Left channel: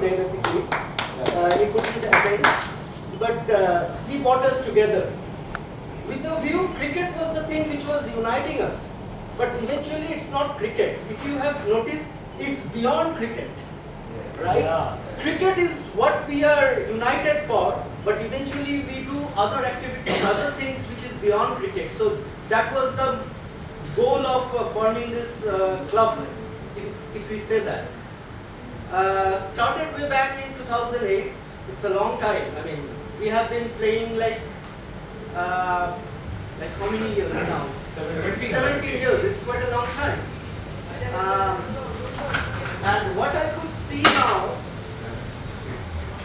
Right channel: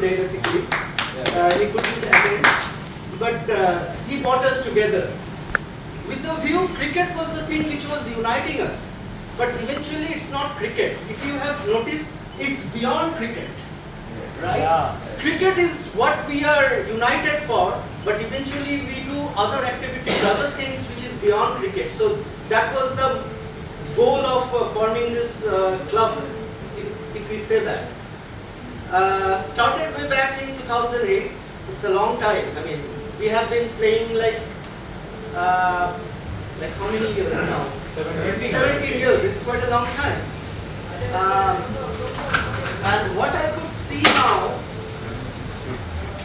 today basically. He couldn't attend, but he brought us together. With the view, cricket was the thing which was uniting us. But eventually it's not cricket. If you have noticed, it's beyond cricket. Right? Yeah. Cricket is what we are united for, but eventually we do other activities, other things which is beyond cricket. So that was the goal of forming this club, if we say that. Started way back in 2008. It's a long time. I mean, we have been playing like how many years now? 17 years. It's quite a long time. And what I could see now,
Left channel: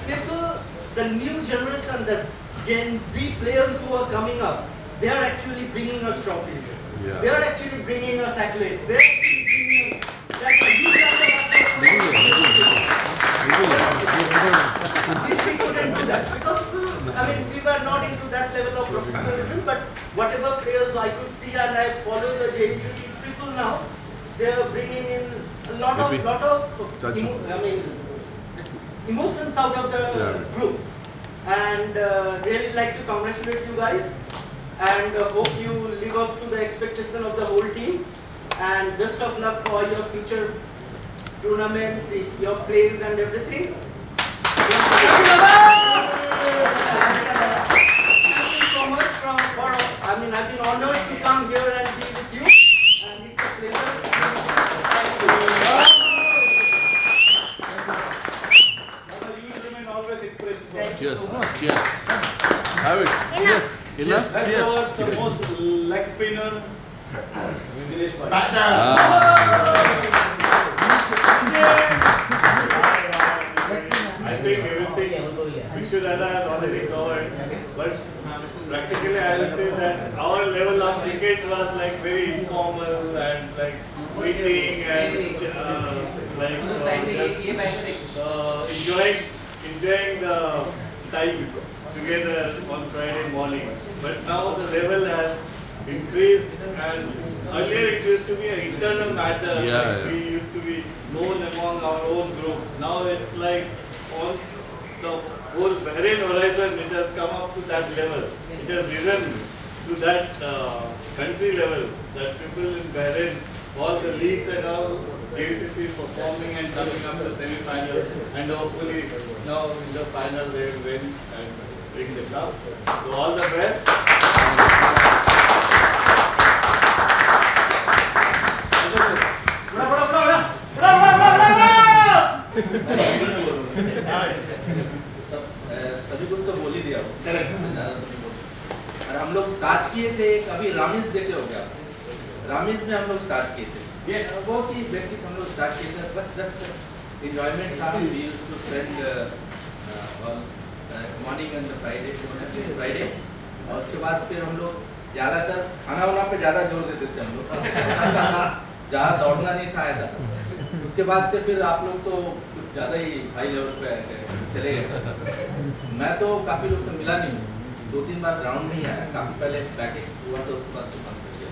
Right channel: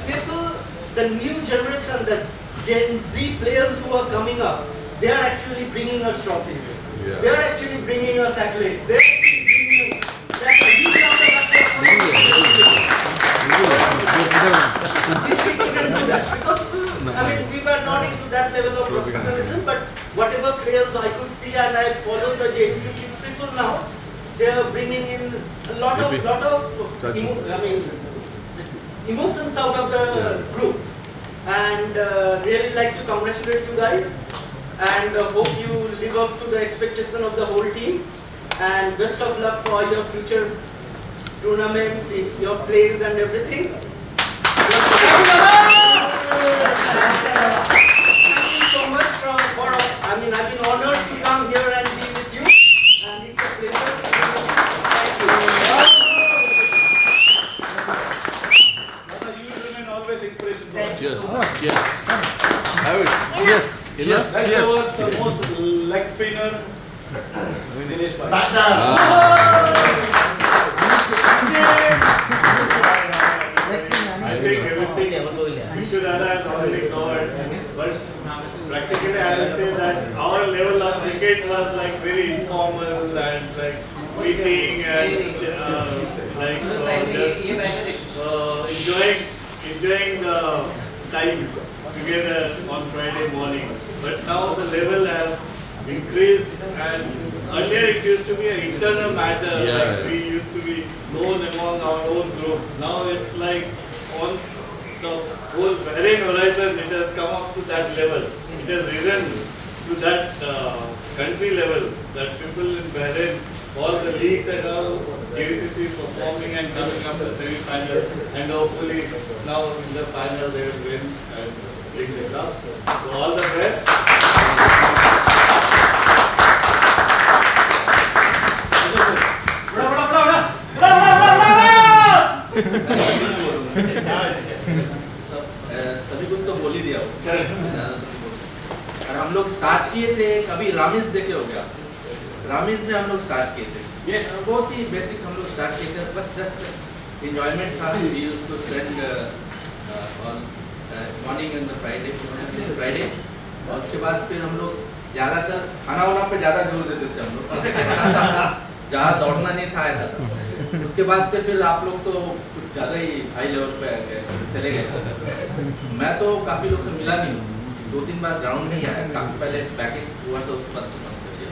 people, the new generation, the Gen Z players who are coming up, they are actually bringing us trophies. Yeah. They are actually bringing us accolades. They are actually bringing us, that's a huge amount of which we couldn't do that because I mean we were not into that level of professionalism, but whatever players I could see and I follow the JMCC people now, they are bringing in a lot of emotions out of the group, and really like to congratulate you guys and hope you live up to the expectation of the whole team, and best of luck for your future tournaments, your plays and everything. Thank you so much I mean, I've been honored to come here and be with you, and it's a pleasure. Thank you. You remain always inspiration for us. Cheers. Cheers. Have it. Enough. That was the most leg spinner. Dinesh Bhai. I think everything Mr. Dada has already covered, but practically I will say that our level of cricket was like very informal and like meeting and just enjoying the time together on Friday morning. But now the level has increased, and earlier it used to be an internal matter. Yeah. We used to be known among our own group. Now it's like on the whole Bahrain horizon, it has come up to that level. It has risen to that country level, that people in Bahrain, all the leagues and all, KCC is performing and coming up to the semi-final, and hopefully now in the final they will win and bring the cup. So all the best. सभी कुछ तो बोल ही दिया हो, और हम लोग start किए थे कभी रामीज देखे हो गया, रामीज में हम लोग स्टार्ट किए थे, वो की बेसिक हम लोग स्टार्ट किए थे, बस जस्ट एंजॉयमेंट था, we used to spend morning and Friday, और उसके बाद फिर हम लोग ज़्यादातर खाना वाना पे ज़्यादा जोर देते थे हम लोग, ज़्यादा दौड़ना नहीं था ऐसा था। उसके बाद से फिर आप लोग तो कुछ ज़्यादा ही हाई लेवल पे चले गए। मैं तो काफ़ी लोग से मिला नहीं, 2-3 बार ग्राउंड में ही आया, काफ़ी पहले बैकेज हुआ था, उसके बाद तो बंद कर दिया।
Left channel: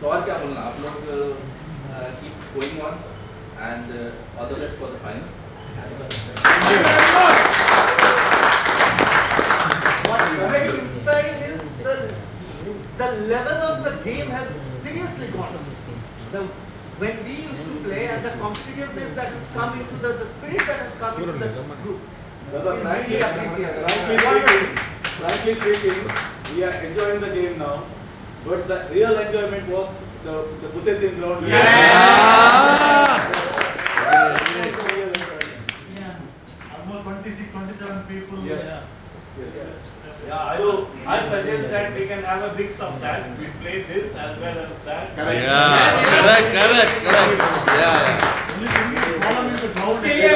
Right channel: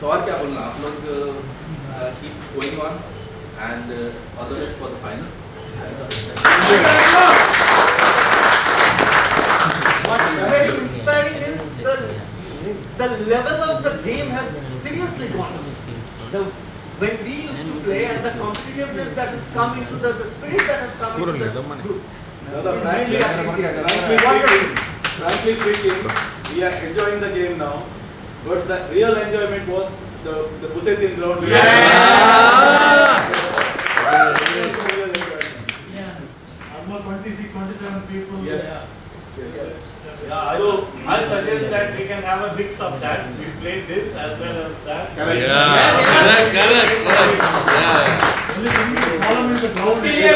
तो और क्या बोलना, आप लोग keep going on and all the best for the final. What's very inspiring is the level of the game has seriously gone up. When we used to play and the competitiveness that has come into the spirit that has come into the group is really appreciated. Frankly speaking, we are enjoying the game now, but the real enjoyment was the Busetin ground. Almost 26, 27 people. Yes. Yeah, so I suggest that we can have a mix of that. We play this as well as that. Correct. Yeah. उसके लिए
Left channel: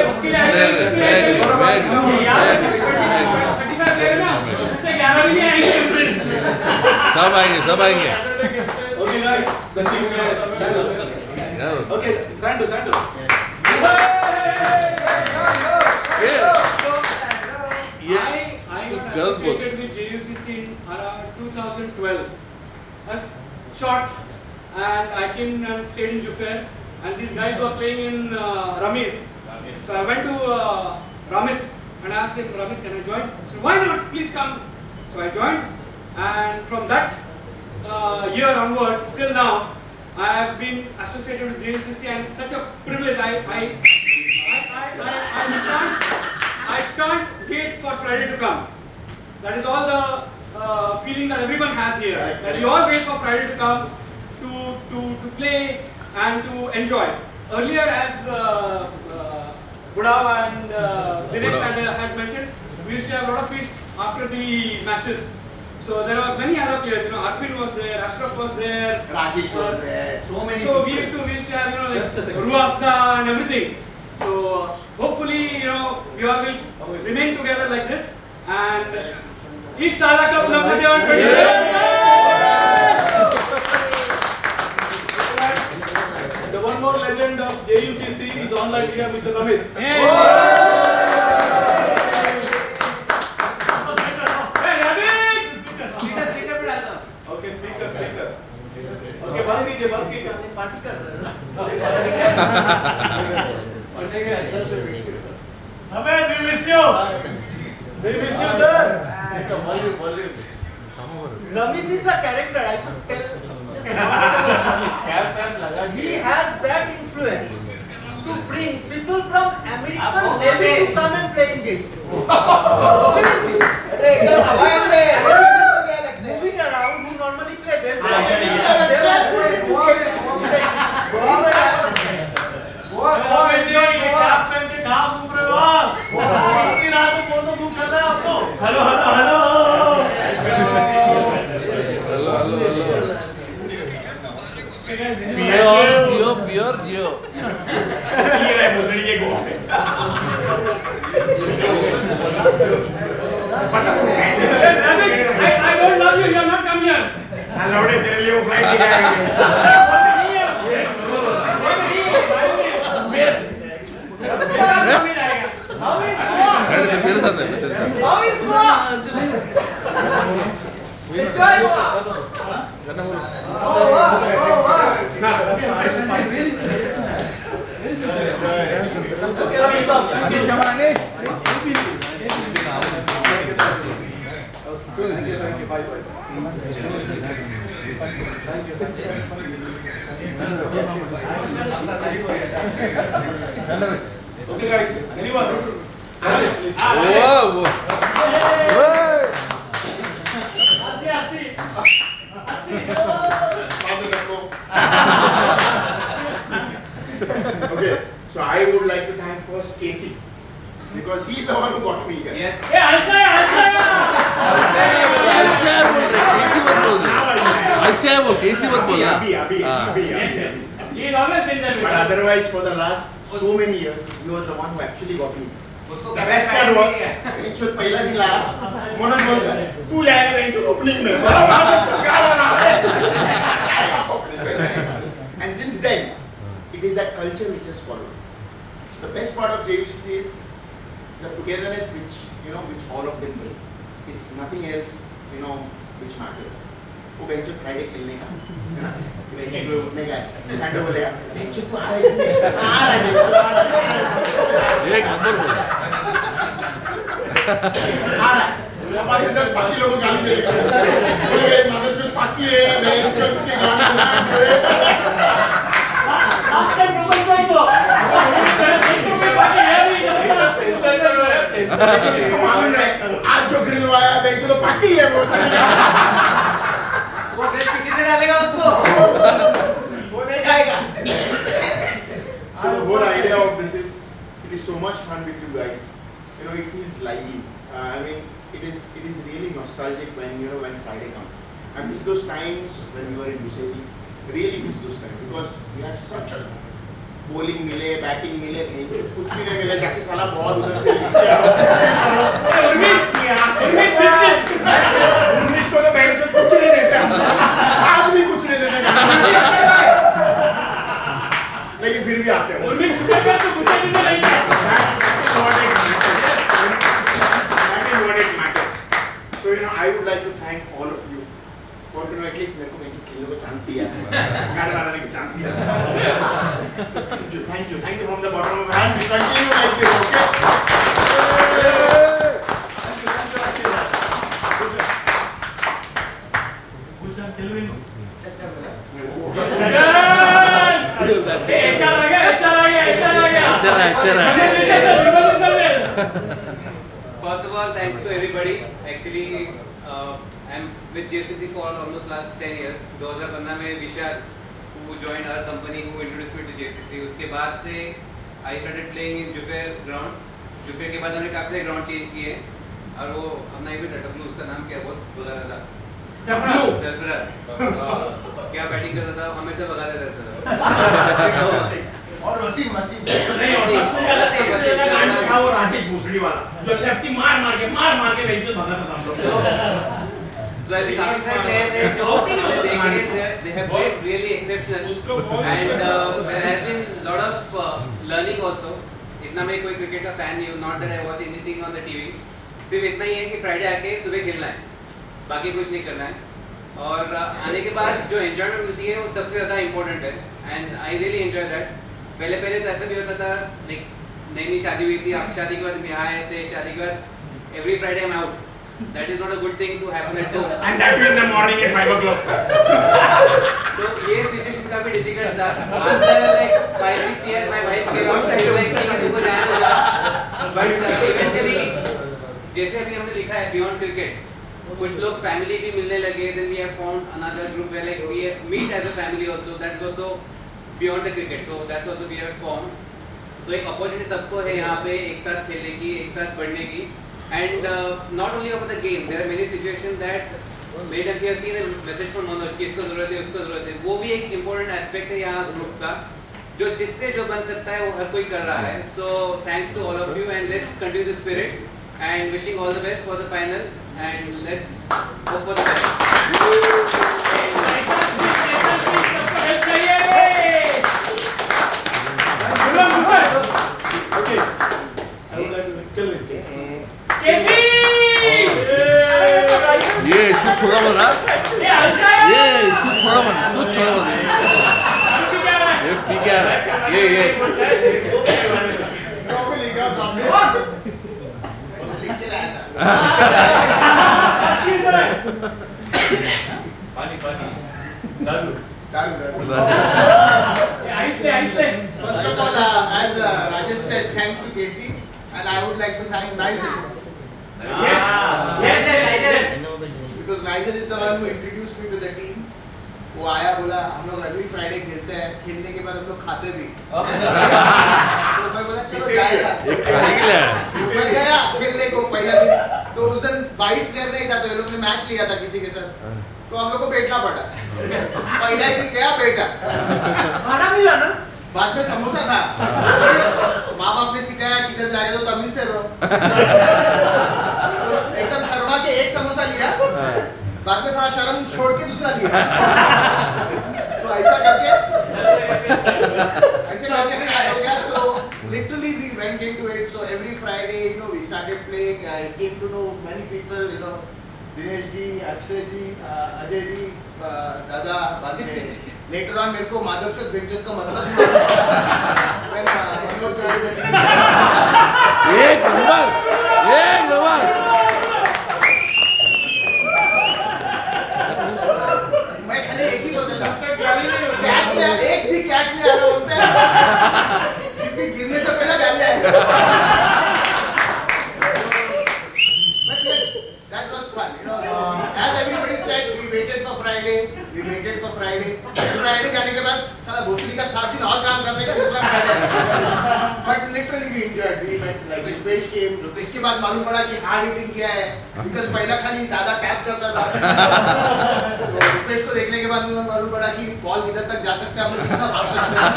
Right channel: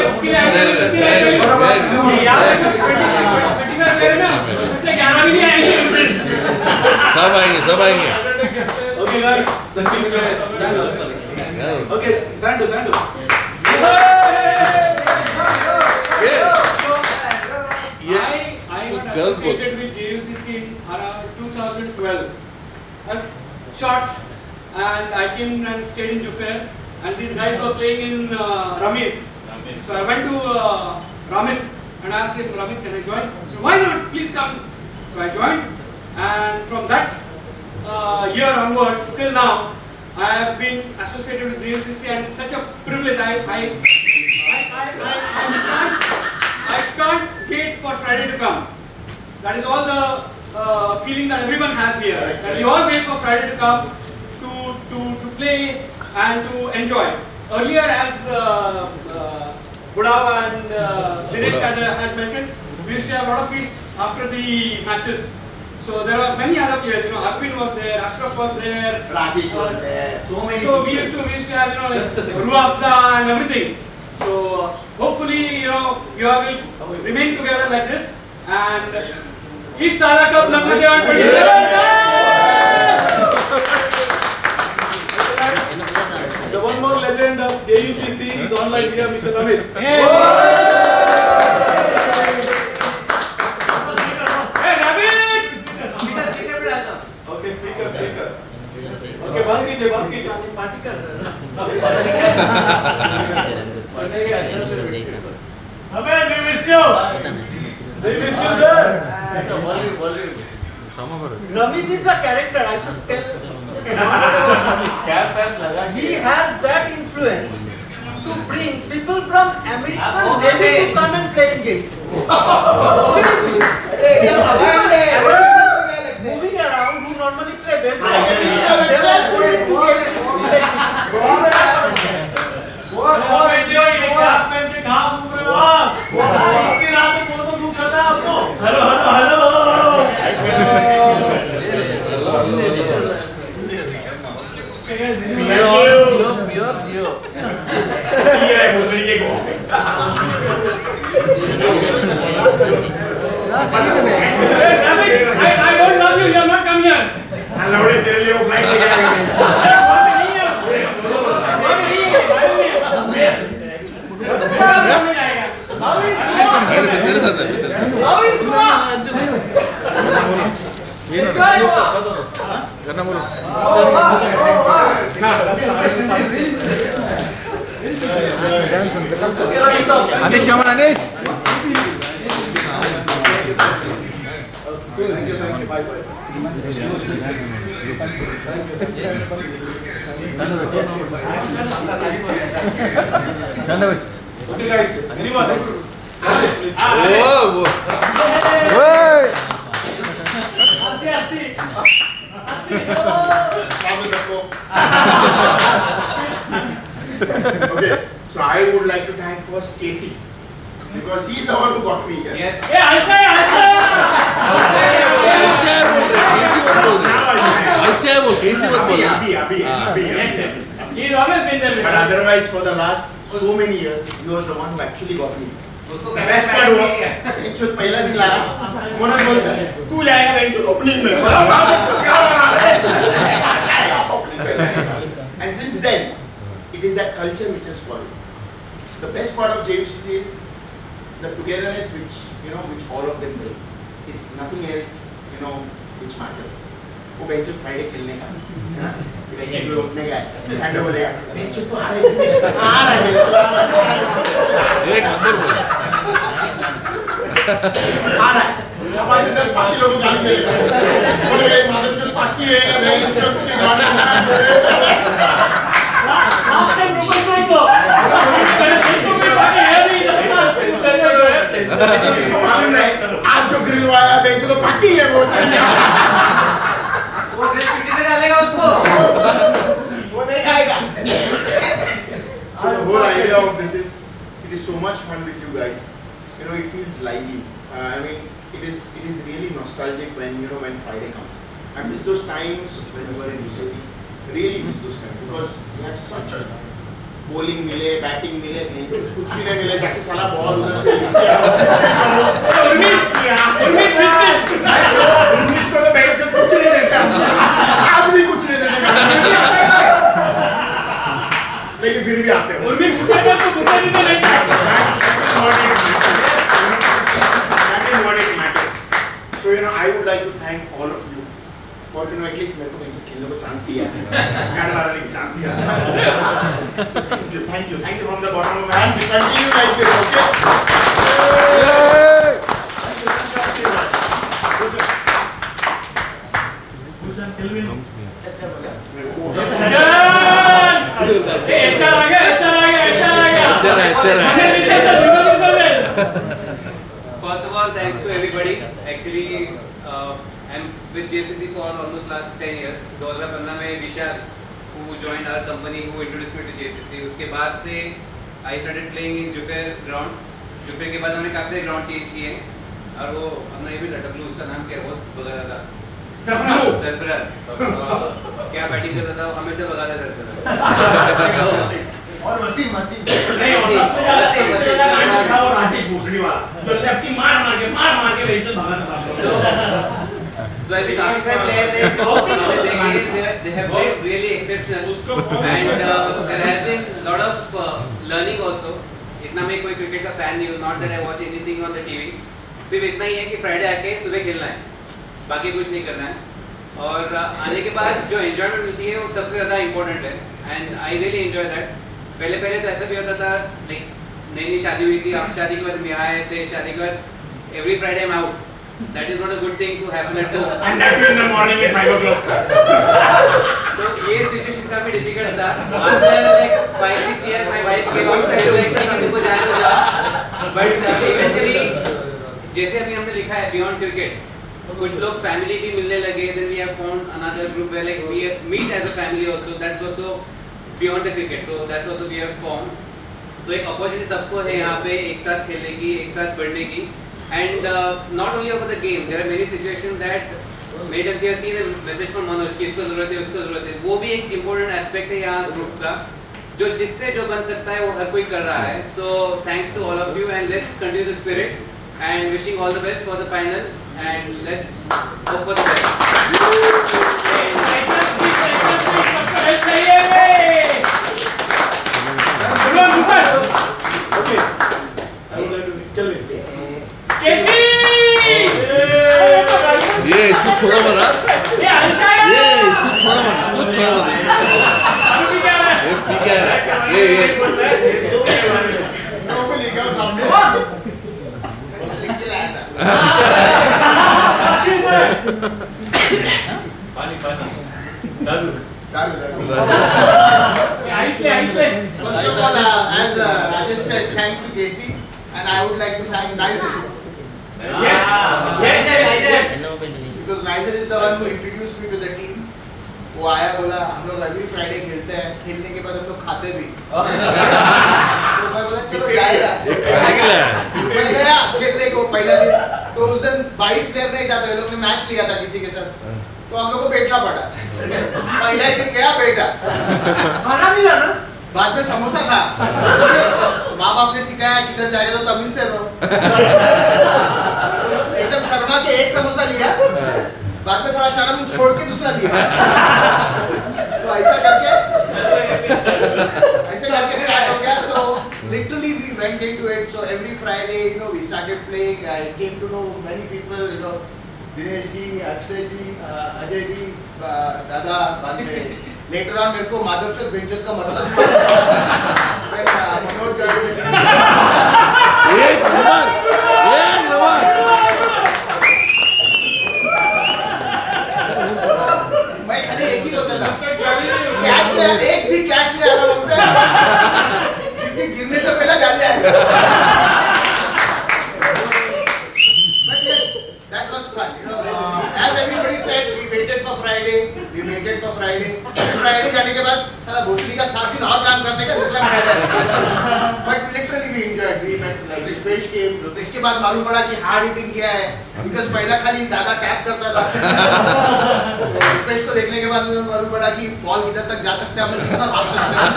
सब आएंगे Okay, guys. The team players. Okay, Sandu. I got associated with JUCC in 2012 as shots, and I came and stayed in Jufair, and these guys were playing in Ramiz. So I went to Ramit and asked him, Ramit, can I join? He said, why not? Please come. So I joined, and from that year onwards till now, I have been associated with JUCC, and it's such a privilege. I can't wait for Friday to come. That is all the feeling that everyone has here. That you all wait for Friday to come to play and to enjoy. Earlier, as Budav and Dinesh had mentioned, we used to have a lot of feasts after the matches. So there were many other players. Arfin was there, Ashraf was there, Rajesh was there, so many. So we used to have like Ruafza and everything. So hopefully we all will remain together like this. And इस साल का number 27. The one more legend of JUCC is online here, Mr. Ramit. Hey Ravid! Okay, speaker. Okay, बंद कीजिए. Ramesh, we miss you. We miss you, sir. Ramit is a character, I should tell. He has that influence to bring people from American Navy to come and play in games. Moving around, who normally play baseball, they were going to I don't love you, you have not come here. तेरे साथ है How is Goa? Enjoy Goa. करना बोलो अनिश शमन अनिश Thank you. Bye. Okay, guys. Anyone? Please. वो Okay, so I would like to thank first Casey because he's the one who got me here. Yes. Hey, answer. अच्छा है वो कैसी मत बोलना Abhi. He's always been there. But otherwise, for the last so many years, he was the one who actually got me. The best part was, बेंचों पहला दिन लाया, मोनन बोलता, तू जाएगा बेंचों ओपनिंग में, and since then, it is that culture which has followed. The best part of JUCC is the togetherness which all of them bring. It's nothing else, which matters. वो बेंचों फ्राइडे खेलने का, है ना? बेंचों उठने का, संडे बोलेगा, बेंचों तो आ रहा है, एक नंबर बोल आ रहा है। अब आज 10 बाकी लोगों को गाली देगा। बोलेगा ये मादरचोद बाकी है, बेंचों के गाना Last time you were going to. इसको मालूम नहीं, आज जो ग्रिल वाया बेंचों तो बाकी है वो नहीं खाएगा। So the whole idea of this is, it is so much fun with you guys. It feels lively. I mean, it is really nostalgic when Friday comes. I miss those times when we were in Busetti. Really miss those times because we had such a bowling मिले, batting मिले, कुछ भी नहीं मिले, जाके साला ball उधर से नीचे आओ। उन्नीस को तो बेंच पे कुछ नहीं देता, आज भी कुछ नहीं देता लेकिन फिर भी आते हो। That is what it matters. So I would like to thank all of you और you know एटलीस्ट मेरे को कहीं खेलने को चांस दिया है, गाड़ी मारने का चांस दिया है। Thank you from the bottom of my heart. We continue like this, okay? First of all, thanks to everybody. Actually, I'm with JCC for almost last 10 years. 2015 में विशाल who joined our company, who introduced me to JCC. उसके बाद से I started playing in Jufair ground. Jufair के बाद हमने काफी सारे ground change किए और वो हमने ये भी डब्लू उसका नाम क्या है वो बगा था सरफराज क्या बैटिंग करता था हमेशा भगाता करता था और वसीम नहीं, और राजेश भूसड़ी वाला जो लेफ्टी मार मार के बेंच भगाता था हम लोग। So I think काफी सारे players हैं जो हमने देखे they have played really exceptional and there has been lot of learning also. इतना मैं कोई क्रिकेट का फैन नहीं हूँ, not that I watch anything on the TV. सिर्फ इतना ही है कि फ्राइडे आके सुबह खेलना है, बाकी कुछ नहीं करना है और आने के बाद जो एंजॉयमेंट मिलती है वो सबसे ज़्यादा इम्पोर्टेंट है and I really enjoy that. पहले तो ऐसा भी होता था लाइक नई शादी हुई थी, आप शादी के बाद हम यहाँ आए थे, शादी के बाद every Friday I am out. That is not a good thing to happen at home. And that too in the morning at 5 o'clock. तो ये सिचुएशन काफी डिफिकल्ट था। After like 5-6 years, my wife came out and like ठीक है तुमको जाने दो जा। But eventually जैसे अभी हमने लिखा है Beyond Cricket, कुछ लोग फैमिली भी मिलने लगे। Then we have found another group where like we meet as a family also. That's also beyond the cricket. So that's also we have formed. So एक opportunity सबको है यहाँ पे एक साथ खेलने की, एक साथ बढ़ने की। And not only over the game, there are many situations that made us see the message from Manoj कि इसको ज़रूरत है, उसको ज़रूरत है। वो भी एक important aspect है यहाँ ग्रुप का, जो जिससे जो बन सकता है वो हर कोई कर रहा है। So thanks to all of you and let's continue the spirit and wishing all the best for the final and let's hope for the best. Okay. I would like to kill it. ये इसको छोड़ा मत, ये इसको छोड़ा मत, इसको छोड़ा मत। ये ठीक है, ये पानी दारू First of all, as Rajesh said, thanks to Casey, and I would like to thank Nigel. Because Nigel is the one who introduced me to the team. वो आया बोला हम लोग अभी फ्राइडे खेलते हैं, खेलने के बाद हम लोग खाते भी। तो मैं बोला चलो जाएगा। मैं गया खेलने को पहला दिन, तो उस दिन 22 प्लेयर नहीं था, तो ये लोग ने मैच लिया था किसी के साथ, तो हम लोग को बैठना पड़ा। पहला ही दिन गया बैठा, खाना मिला ना, बाद में समोसा था। माँ बाप ने सिखाया किधर जाएगा तो तमीज से रहो। एकदम शर्मा के एक समोसा लिया, बाद में थोड़ा शर्म छोड़ के दूसरा लिया। तो ऐसा करके स्टार्ट हो गया। So literally we went into it. So every Friday, you know, we started playing. I came to know many people, you know, Dinesh ji, Akshay जी, अजय जी, दादा। बाद में later on मेरे को माधवचोद बेंचोद का मतलब मनोज एक नंबर। मैं खाली एक ही बोलता था, कैच में एक भी कैच नहीं आया बोलते हैं, क्योंकि गिरने से पहले गाली आएगी। But yes, that was fun, you know. As everybody said, we waited for Friday. Friday जाने के बाद साला भोसड़ी का 7 दिन और काम करने का दूसरा Friday। But literally we enjoyed. We met like Rupesh came. इसके बाद मालूम पड़ा कि हार्ड हिटिंग क्या है, because पहला खाली दादा टैप करता था। रुपेश को देखने के बाद मुझे मालूम पड़ा कि बॉल किधर तक जा सकते हैं, हम लोग कितना भाग सकते हैं।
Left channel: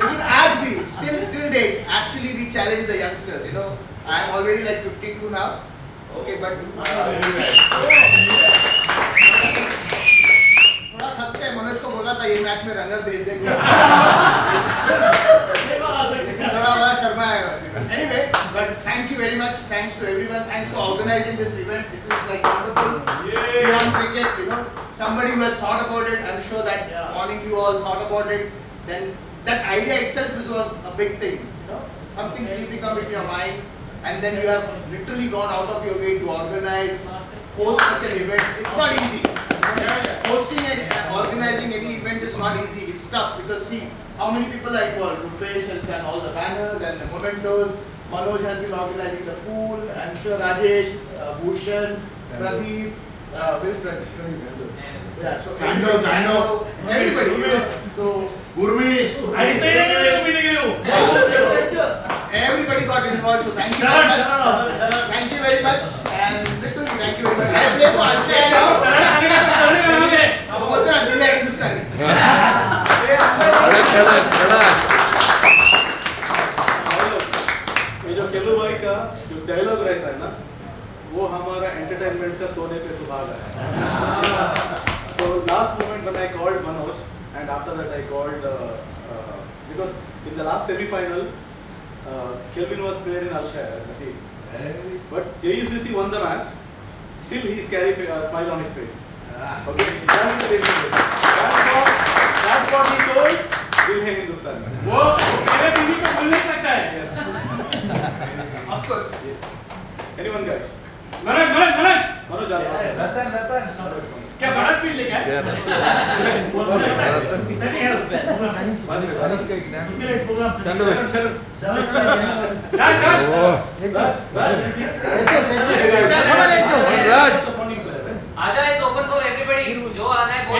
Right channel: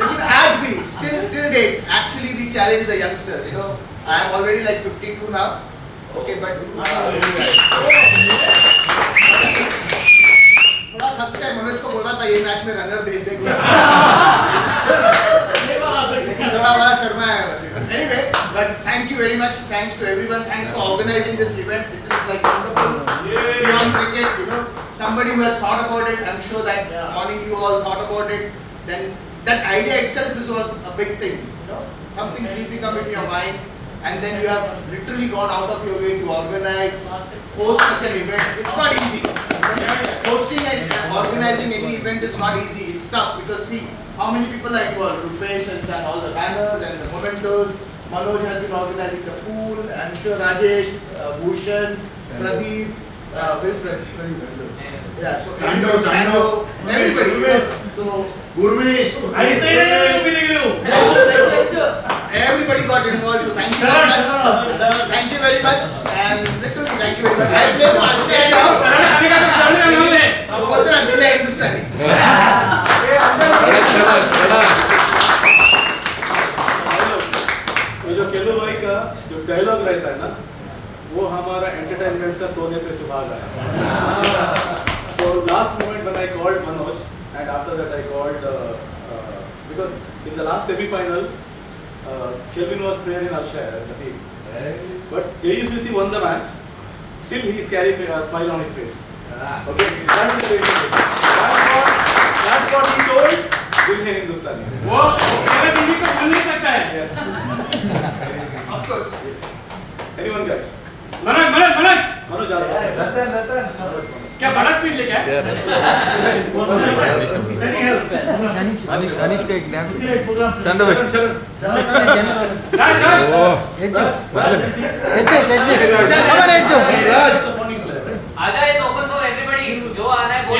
लेकिन आज भी till date actually we challenge the youngsters, you know. I am already like 52 now. Okay, but थोड़ा थकते हैं। मनोज को बोला था ये मैच में रनर दे दे, थोड़ा बड़ा शर्मा है। Anyway, But thank you very much. Thanks to everyone. Thanks for organizing this event. It is like wonderful. Beyond cricket, you know, somebody who has thought about it. I'm sure that morning you all thought about it. Then that idea itself was a big thing. You know, something keeping up in your mind, and then you have literally gone out of your way to organize, host such an event. It's not easy. Hosting and organizing any event is not easy. It's tough because see how many people are involved. Rupesh has done all the banners and the mementos. Manoj has been organizing the pool. I'm sure Rajesh, Bhushan, Pradeep, where's Pradeep? Yeah, so Sando, everybody. You know, so Gurvish. Everybody got involved. So thank you very much. Thank you very much. And literally thank you very much. I play for Akshay now. बोलते हैं दिल है हिंदुस्तानी ये जो केलू भाई का जो dialogue रहता है ना वो हमारा एंटरटेनमेंट का सोने पे सुहागा है. So last moment when I called Manoj and after that I called because in the last semi-final Kelvin was playing in Alshire in the team. But JUCC won the match. Still he is carrying a smile on his face. Okay, that's the same. That's what he told. दिल है हिंदुस्तानी. वो मेरा बीवी को भूल नहीं सकता है. Yes. of course Anyone guys? Manoj जा रहा है. क्या बड़ा स्पीड लेके आए? आजा इट्स ओपन फॉर एवरीबॉडी जो आना है बोल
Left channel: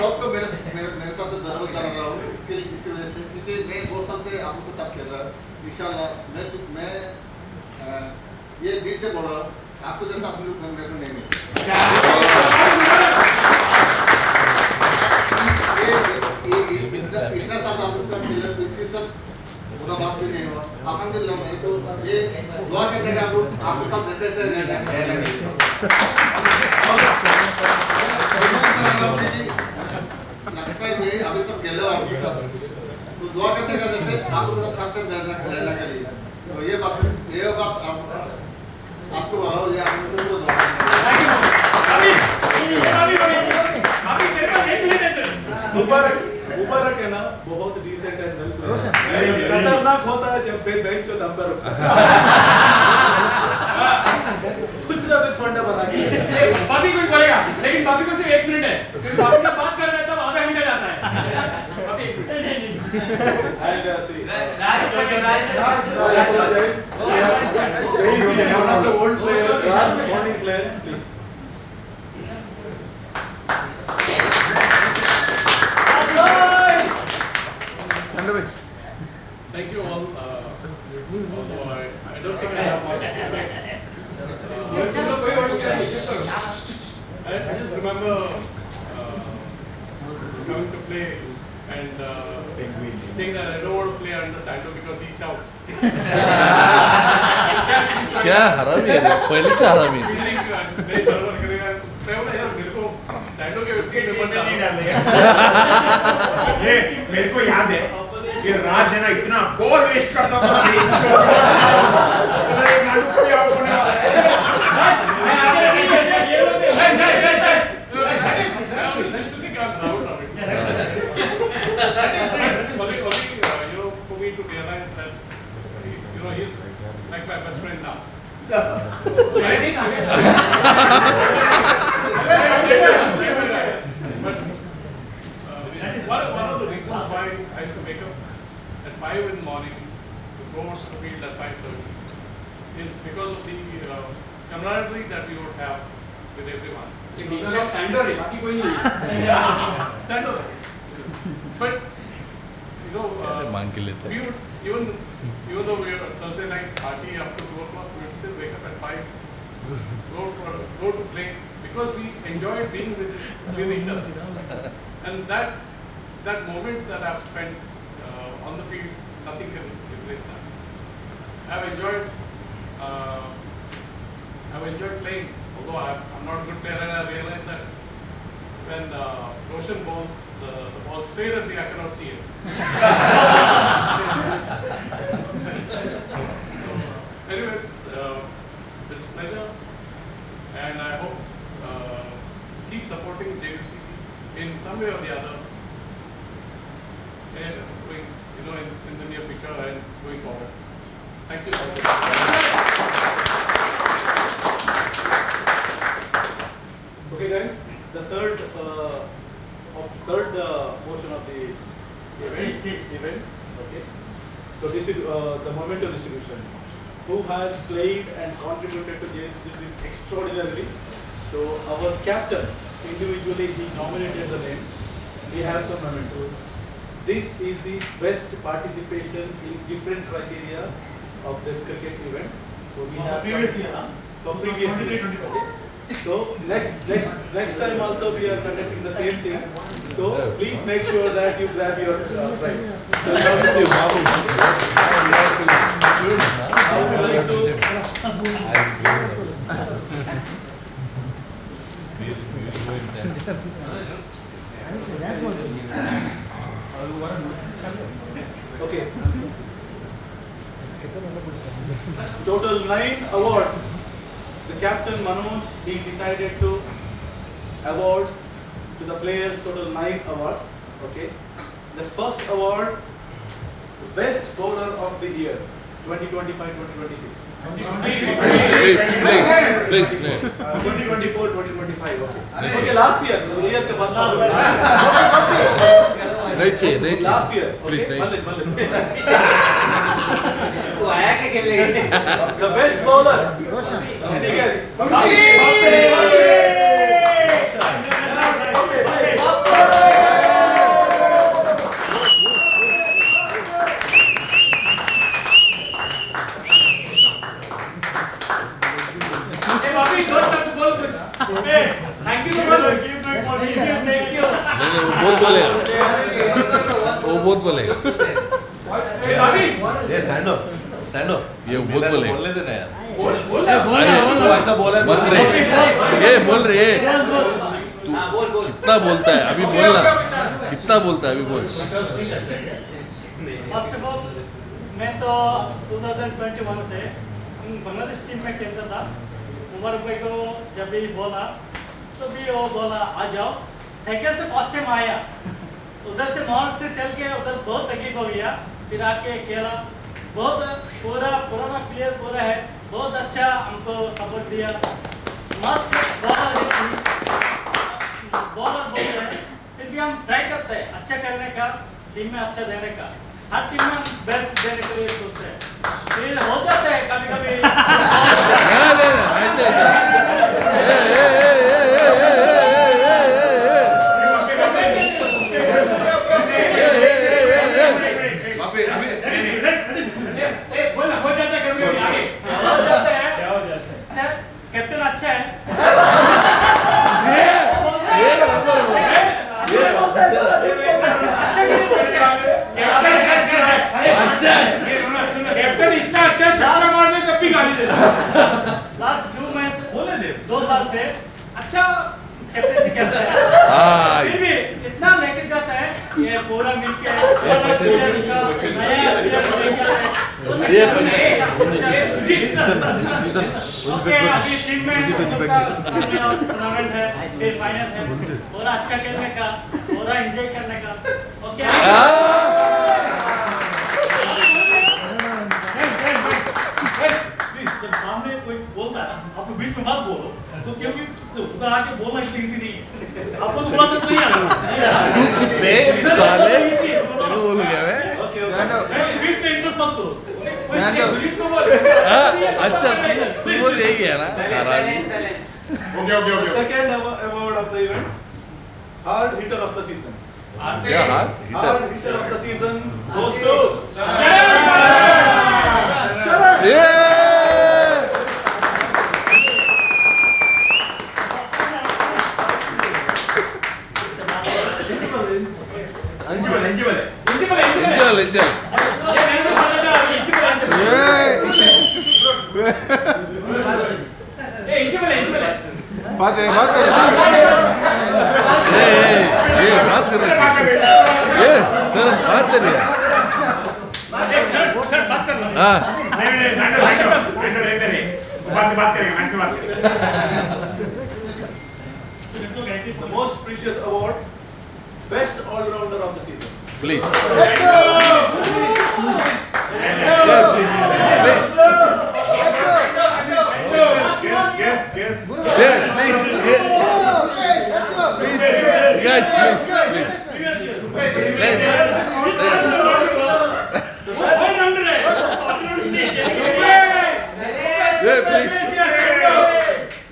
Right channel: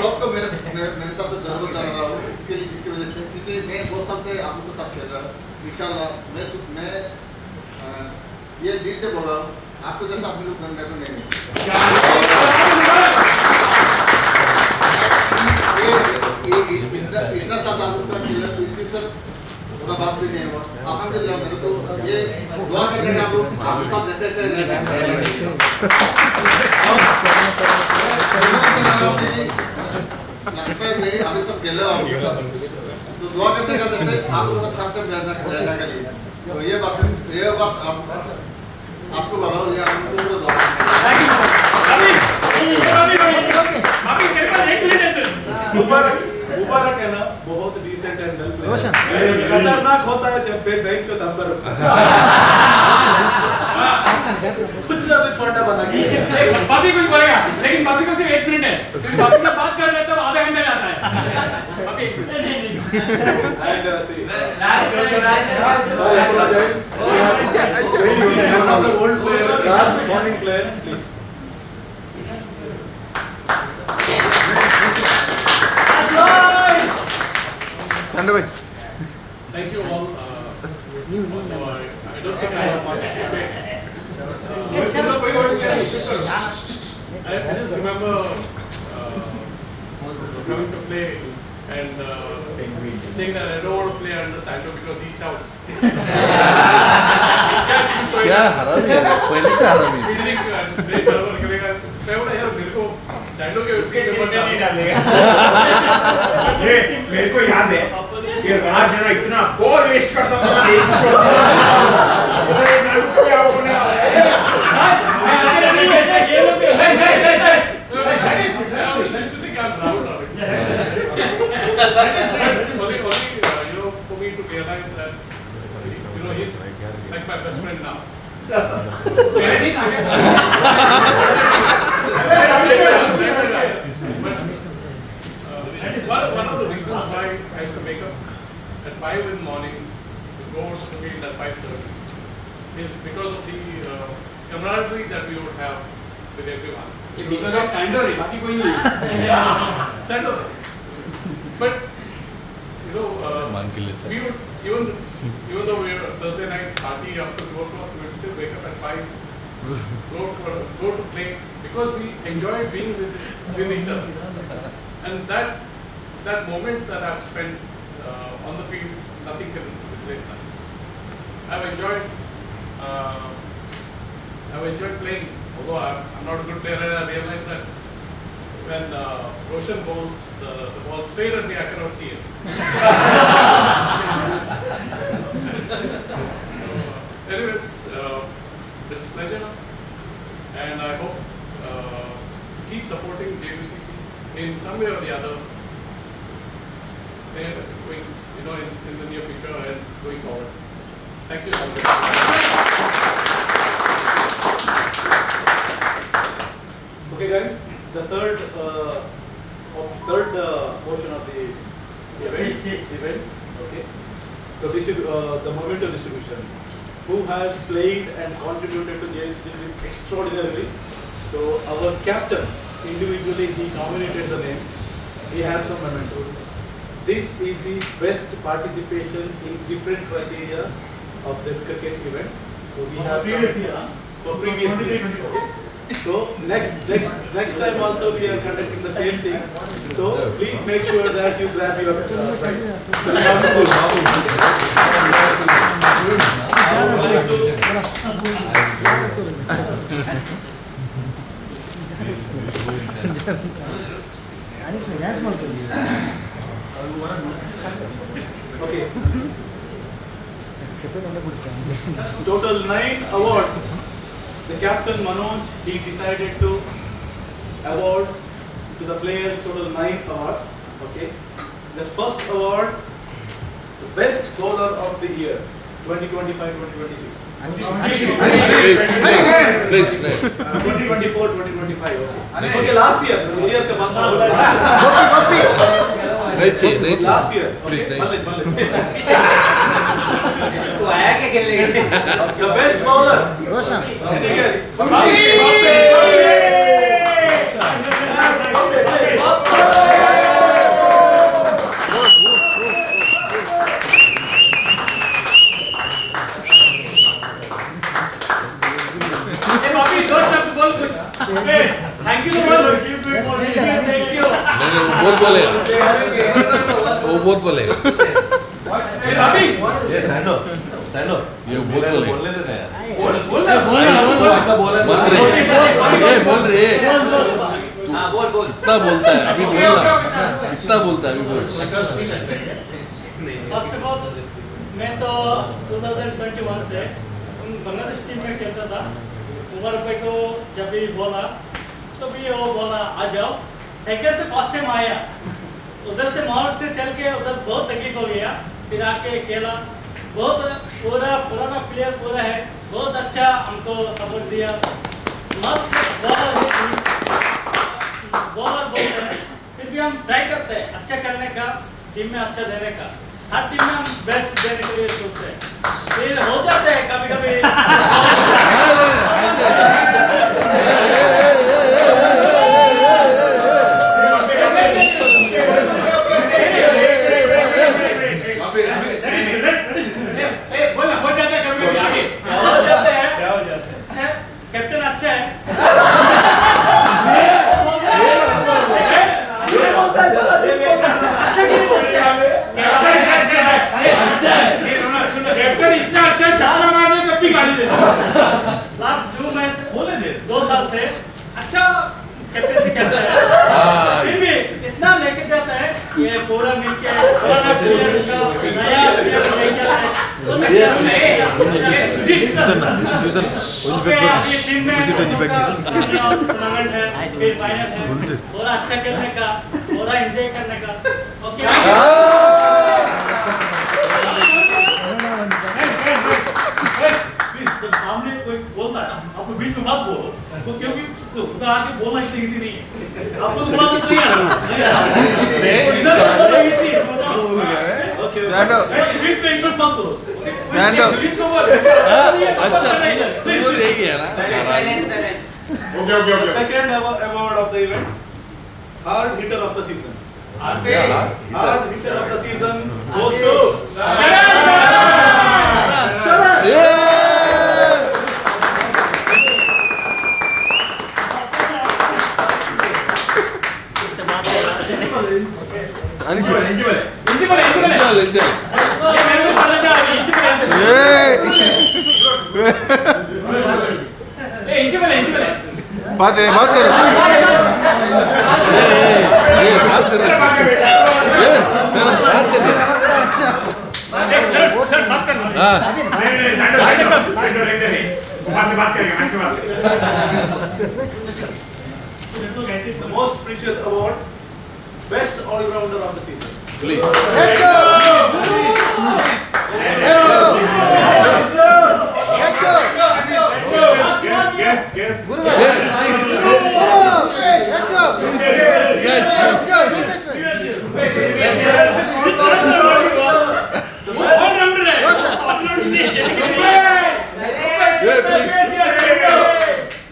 सबको मेरे तरफ से धन्यवाद कर रहा हूँ इसके वजह से क्योंकि मैं बहुत साल से आप लोग के साथ खेल रहा हूँ. इंशाल्लाह मैं ये दिल से बोल रहा हूँ आपको जैसा आप लोग मेरे को नहीं मिले. इतना साल आप लोग साथ खेला तो इसके साथ पूरा बात भी नहीं हुआ. अल्हम्दुलिल्लाह मेरे को ये दुआ करने का आपके साथ जैसे लगता है मैं अभी तक खेले हूँ आपके साथ तो दुआ करने का जैसे आप लोग हर टाइम रहना के लिए तो ये बात आपको बताओ ये आप लोगों को दुआ मुबारक है ना बहुत डिसेंट एंड वेल प्लेयर. खतरनाक होता है जब बेंच को दम पर कुछ ना कुछ फंडा बना के. बापी कुछ बोलेगा लेकिन बापी को सिर्फ 1 मिनट है क्योंकि बापी से बात कर देता है आधा घंटा जाता है. Bapi 1 minute. And see, sorry, apologize. One of the old player, Raj, morning player, please. Thank you all. Although I don't think I have much to say. I just remember coming to play and saying that I don't want to play under Sando because he shouts. क्या हरामी है पहले से हरामी है. Fielding very बराबर करेगा. मैं बोला यार मेरे को Sando के उसकी नंबर डालना. ये मेरे को याद है ये राज है ना इतना बॉल वेस्ट करता था एक शॉट उधर एक लाडू को आउट होने वाला है. ये लोग for me to realize that he's like my best friend now. But one of the reasons why I used to wake up at 5 in the morning to go to the field at 5:30 is because of the camaraderie that we would have with everyone. because of Sando रे बाकी कोई नहीं. Sando. But मान के लेता we would even though we were Thursday night party after 2 o'clock, we would still wake up at 5 go to play because we enjoy being with each other. And that moment that I've spent on the field, nothing can replace that. I've enjoyed playing, although I'm not a good player, and I realize that when Roshan bowls, the ball straight at me, I cannot see it. Anyways, it's a pleasure, and I hope keep supporting JVCC in some way or the other, and in the near future and going forward. Thank you. Okay, guys, the third portion of the event. Okay, so this is the memento distribution. Who has played and contributed to JSC extraordinarily? So our captain, individually he nominated the name. He has some memento. This is the best participation in different criteria of the cricket event. So we have previous year. So previous year. Okay. So next time also we are conducting the same thing. So please make sure that you grab your prize. So you have to Okay. Total 9 awards. The captain Manoj, he decided to award to the players total 9 awards. Okay. The first award, the best bowler of the year, 2025-2026. Please. 2024-2025. Okay, last year के बाद Right. last year. Please, Okay, next. Malin. तो आया क्या खेलने के लिए? The best bowler. Any guess? Bobby, don't have to bowl kuch. Thank you so much. Thank you. नहीं वो बहुत बोले Hey, Bobby. ये बहुत बोले मत रे ये बोल रहे हाँ बोल कितना बोलता है अभी बोलना कितना बोलता है अभी बोल फर्स्ट ऑफ ऑल मैं तो 2021 से बांग्लादेश टीम में खेलता था। उमर भाई को जब भी बोला तो भी वो बोला आ जाओ। सेकंड से फर्स्ट टाइम आया, उधर से नॉर्थ से चल के उधर बहुत तकलीफ हो गया, फिर आके खेला। बहुत पूरा पुराना प्लेयर पूरा है, बहुत अच्छा हमको सपोर्ट दिया। मस्त बॉलर बोलते हैं, फिर भी हम ट्राई करते हैं अच्छा करने का, टीम में अच्छा देने का। हर टीम में हम बेस्ट देने के लिए सोचते हैं, फिर हो जाता है कभी कभी। कैप्टन अच्छा है। कैप्टन इतना अच्छा चार मारने तब भी गाली देता। लास्ट 2 साल से अच्छा कैप्टन से खेलता है, फिर भी इतना लेके जाता है ये पूरा मिलके पुराना प्लेयर का नया प्लेयर लेके आता है। ओके, अभी टीम में टूर्नामेंट है, फिर फाइनल है, पूरा अच्छा खेलने का, पूरा एंजॉय करने का। ओके जब सामने कोई बोलता है आप बीच में मत बोलो, तो क्योंकि उधर आके बोलना इजी नहीं है। आपको थोड़ा तो नहीं आना। Okay. बीच में इंटर मत करो। अच्छा तू बोल रही है ना Okay. Second award of the event, hard hitter of the season. Hard hitter of the season goes to Sharan. Eligible eligible है Eligible, eligible. Enjoy, enjoy. ये मेरे को पता था, eligible, eligible. ये eligible, eligible है. बात करें बात कर रहे हैं ये सर बात कर रहे हैं सर बात करना. हाँ नहीं नहीं सैंडो रहते नहीं बात करेंगे आज बात करेंगे The most precious award, best all-rounder of the season. Please Guess. Yes All-rounder है. All-rounder है. ये please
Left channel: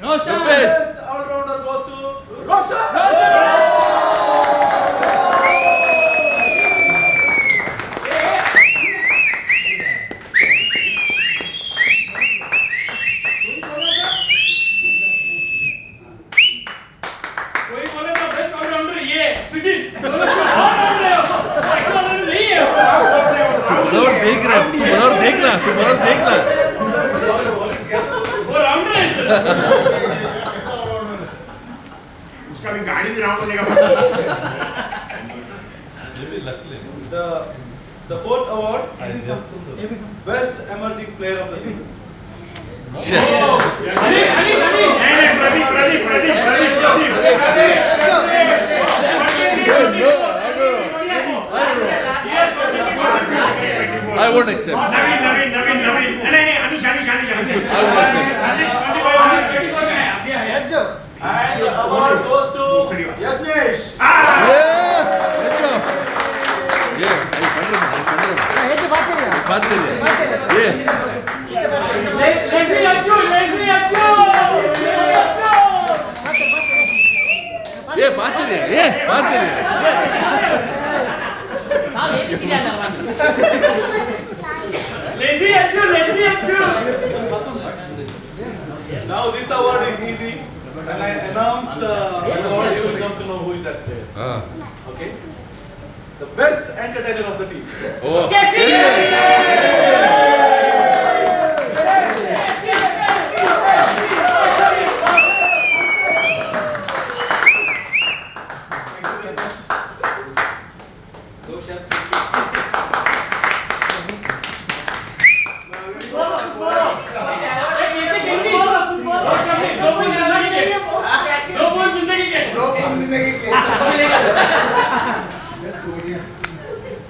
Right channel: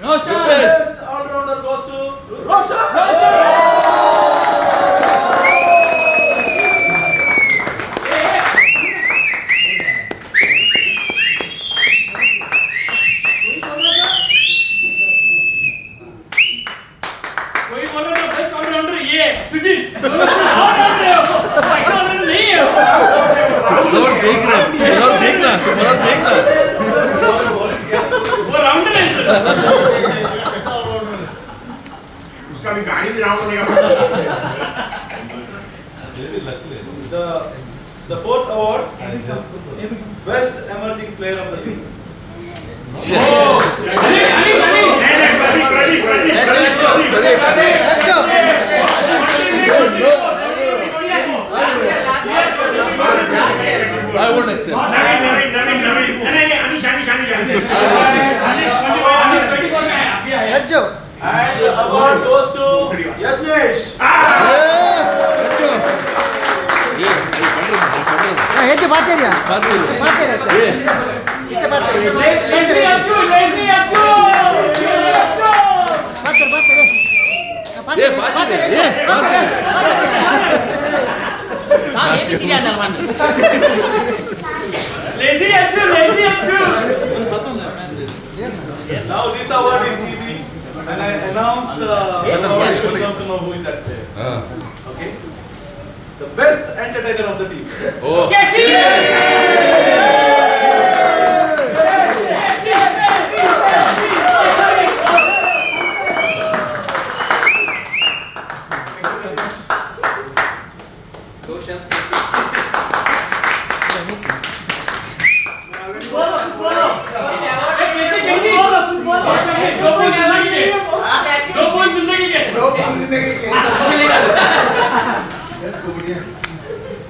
The best all-rounder goes to Roshan. कोई बोले तो best all-rounder ये सुजीत. all-rounder है वो. all-rounder नहीं है वो. और देखना वो राउंडर है सर. उसका भी गाड़ी भी राउंड होने का The fourth award, best emerging player of the season. I won't accept. नवीन नहीं अनिश And the award goes to Yajnesh. Lazy Arjun. ये बात कर lazy Arjun. Now this award is easy, and I announce the award. You will come to know who is that player. Okay. The best entertainer of the team. Oh. कैसी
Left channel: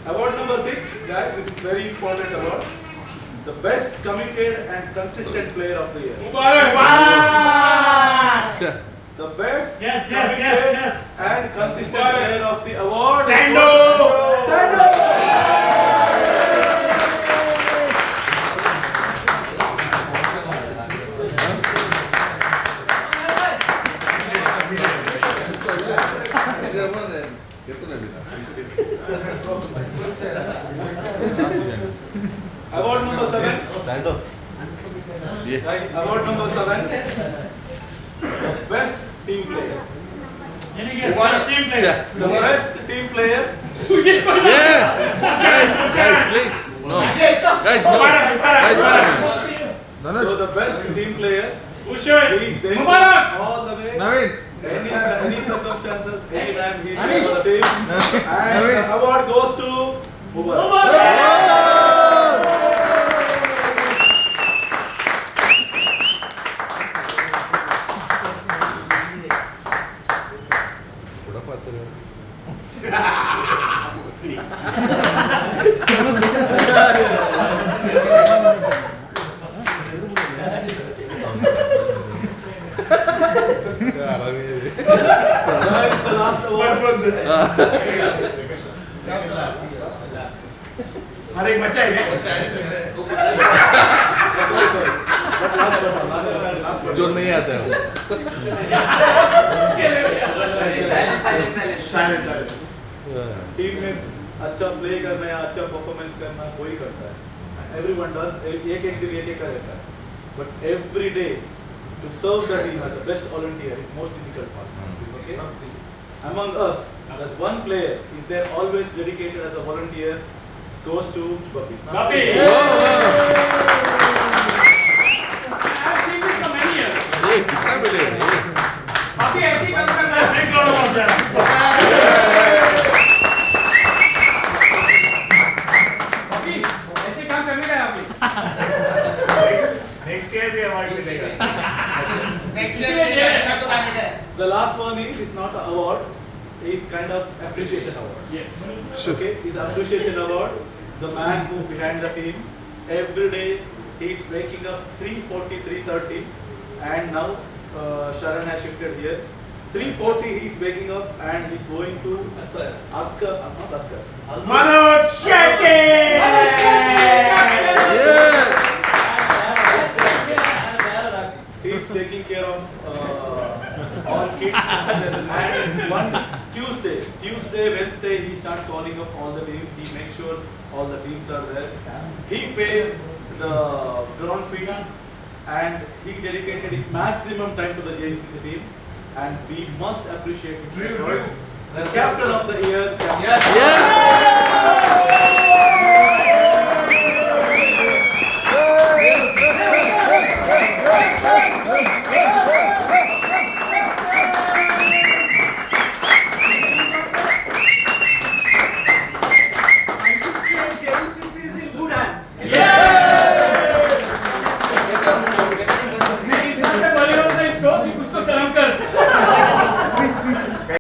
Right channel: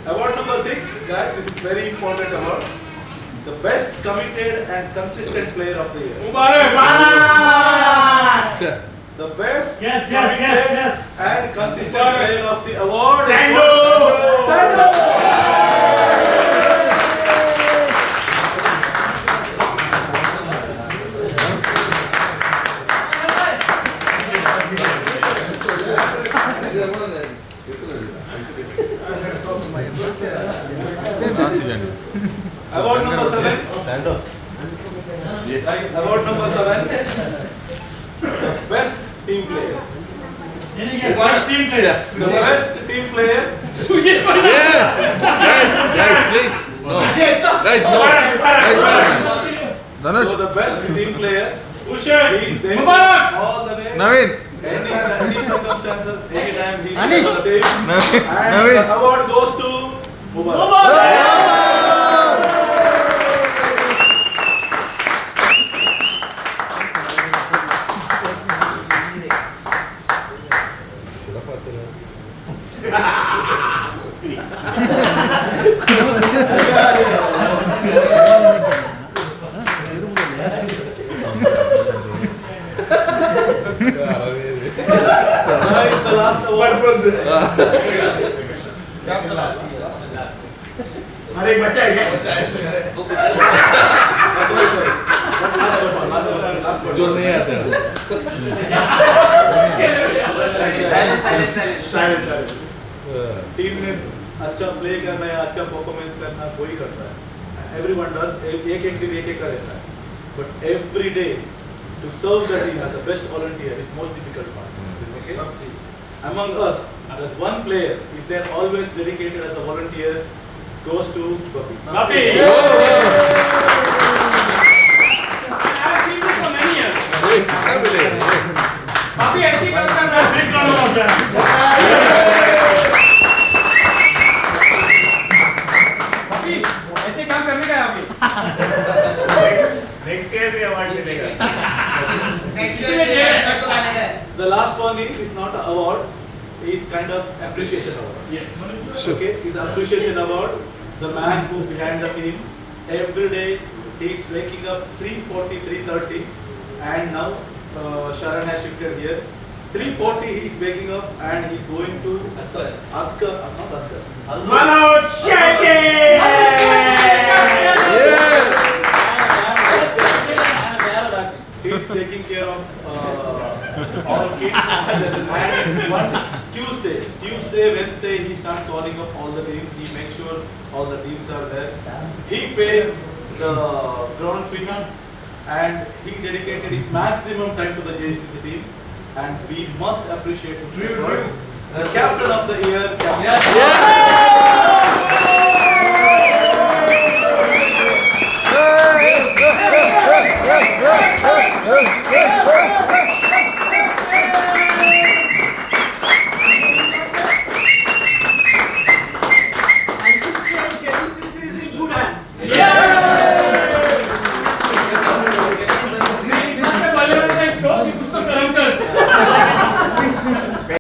Award number 6, guys. This is very important award. The best committed and consistent player of the year. Sir. The best Yes. and consistent player of the award. Sando! Sando! Award number 7. Guys, award number 7. The best team player. The best team player. Sujit Yes. Guys, please. No. Guys, no. So the best team player. He is there Mubarak. all the way. Naveen Any circumstances, anytime he is for the team. And the award goes to Mubarak. Guys, the last award. अरे बच्चा है क्या But last but जो नहीं आता है team में अच्छा प्ले करना या अच्छा परफॉर्मेंस करना कोई करता है. Everyone does. एक दिन एक का रहता है. But every day to serve the team as the best volunteer is most difficult part. Okay. among us, there's one player is there always dedicated as a volunteer, goes to Bapi. Bapi. I've seen this for many years. ए, कितना मिले Bapi ऐसे ही करता है. Big round of applause. Bapi ऐसे काम करने का है अभी. Next year we award मिलेगा. The last one is not an award, is kind of appreciation award. Yes. Okay, is appreciation award. The man who behind the team, every day he is waking up 3:40, 3:30, and now Sharan has shifted here. 3:40 he is waking up and he is going to Askar, not Askar. Manoj Shetty! He is taking care of all kids. And one Tuesday, Wednesday, he starts calling up all the teams. He makes sure all the teams are there. He paid the ground fees and he dedicated his maximum time to the JCC team. And we must appreciate his effort. The captain of the year, Captain. Yeah.